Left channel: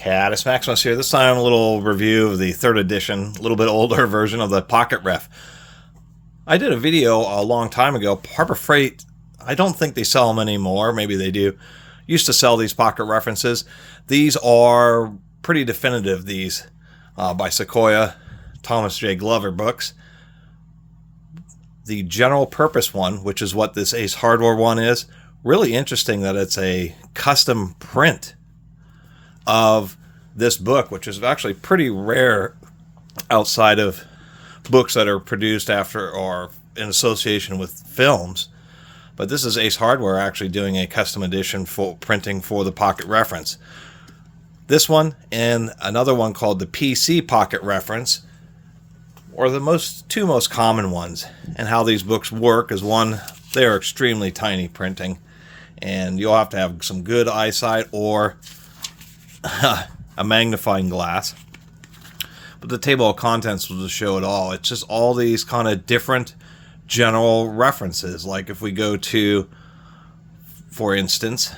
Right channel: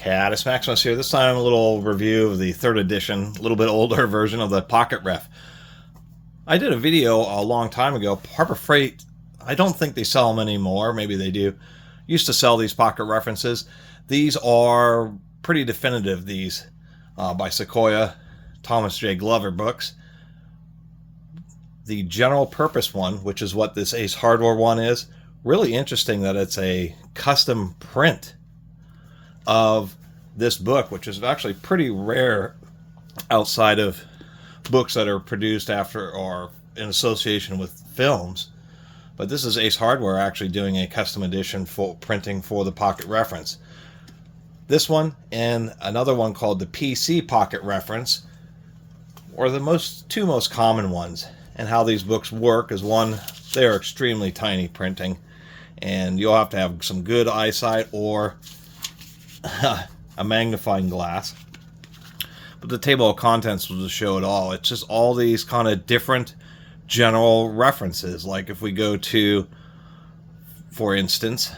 Catus, Maximus here. This time a little review of the 3rd edition, a little bit older version of the Pocket Ref. I did a video a long time ago. Harbor Freight, I don't think they sell them anymore. Maybe they do. Used to sell these pocket references. These are pretty definitive, these by Sequoia, Thomas J. Glover books. The general purpose one, which is what this Ace Hardware one is, really interesting that it's a custom print of this book, which is actually pretty rare outside of books that are produced after or in association with films. But this is Ace Hardware actually doing a custom edition for printing for the Pocket Reference. This one and another one called the PC Pocket Reference are the two most common ones. And how these books work is, one, they are extremely tiny printing, and you'll have to have some good eyesight or a magnifying glass. But the table of contents will just show it all. It's just all these kind of different general references. Like if we go to, for instance,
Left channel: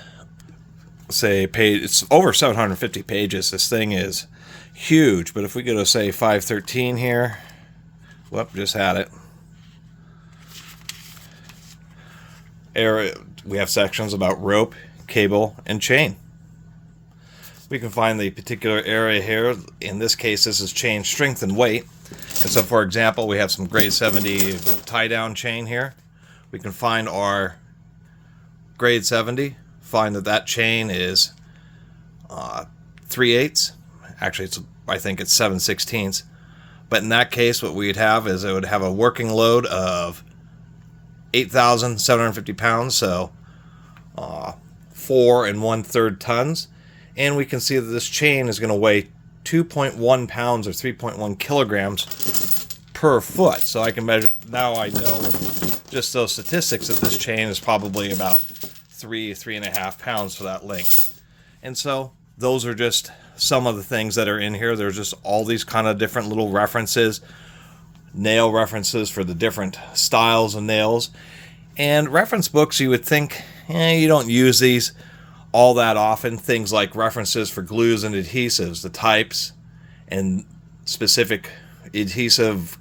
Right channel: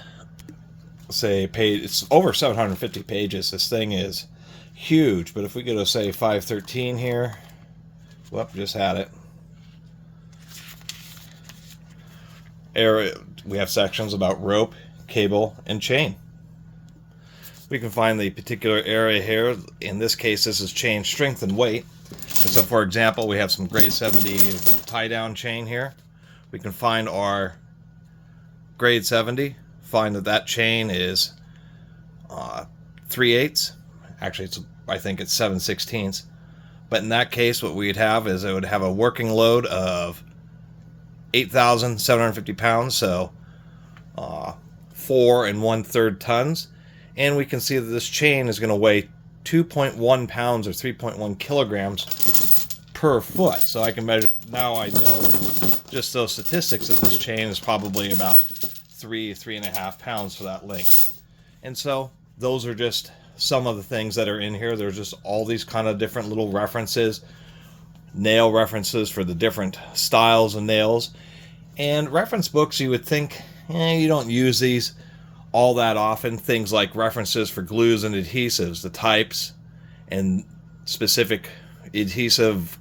say page, it's over 750 pages. This thing is huge. But if we go to say 513 here, whoop, just had it. We have sections about rope, cable, and chain. We can find the particular area here. In this case, this is chain strength and weight. And so, for example, we have some grade 70 tie-down chain here. We can find our grade 70. Find that chain is 3/8. Actually, I think it's 7/16. But in that case, what we'd have is it would have a working load of 8,750 pounds, so 4 1/3 tons. And we can see that this chain is going to weigh 2.1 pounds or 3.1 kilograms per foot. So I can measure, now I know with just those statistics that this chain is probably about 3.5 pounds for that length. And so those are just some of the things that are in here. There's just all these kind of different little references, nail references for the different styles of nails. And reference books, you would think, you don't use these all that often. Things like references for glues and adhesives, the types and specific adhesive,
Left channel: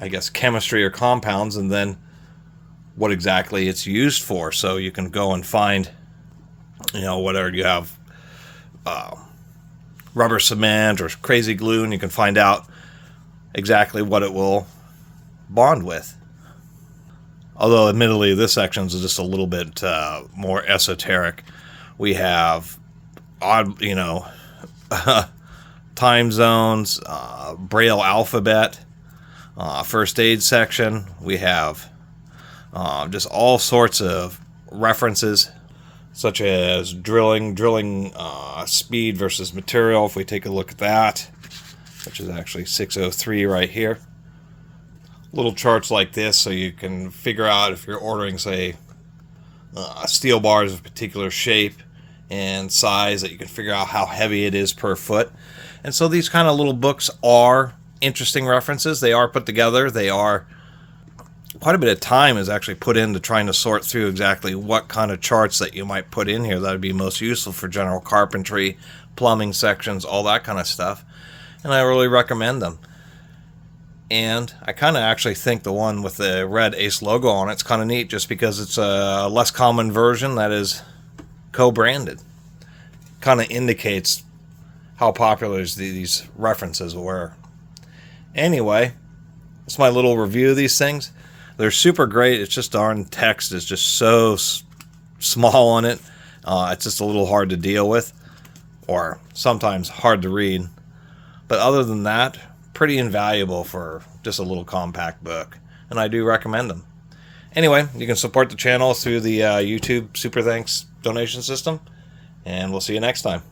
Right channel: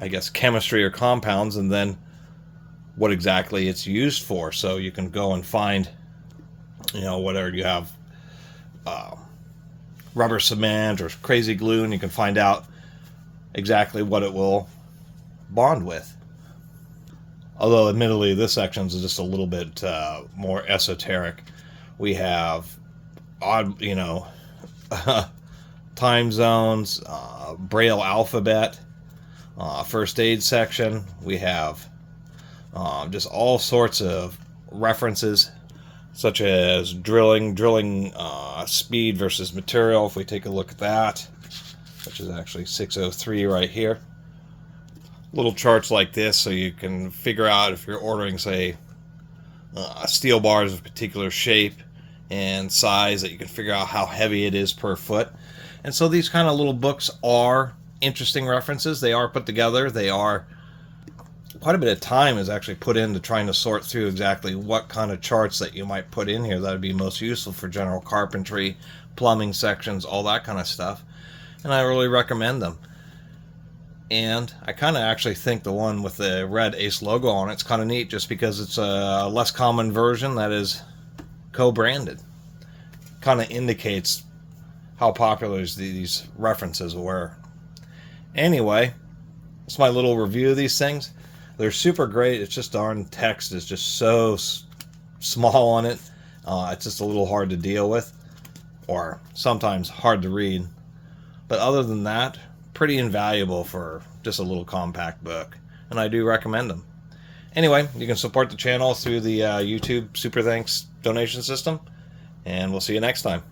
I guess, chemistry or compounds, and then what exactly it's used for. So you can go and find, whatever you have, rubber cement or crazy glue, and you can find out exactly what it will bond with. Although, admittedly, this section is just a little bit more esoteric. We have odd, time zones, Braille alphabet, first aid section. We have just all sorts of references, such as drilling speed versus material. If we take a look at that, which is actually 603 right here. Little charts like this, so you can figure out if you're ordering, say, steel bars of a particular shape and size, that you can figure out how heavy it is per foot. And so these kind of little books are interesting references. They are put together. They are quite a bit of time is actually put into trying to sort through exactly what kind of charts that you might put in here that would be most useful for general carpentry, plumbing sections, all that kind of stuff. And I really recommend them. And I kind of actually think the one with the red Ace logo on it's kind of neat, just because it's a less common version that is co-branded. Kind of indicates how popular these references were. Anyway, it's my little review of these things. They're super great. It's just darn text is just so small on it. It's just a little hard to deal with, or sometimes hard to read. But other than that, pretty invaluable for just a little compact book, and I do recommend them. Anyway, you can support the channel through the YouTube Super Thanks donation system, and we'll see you next time.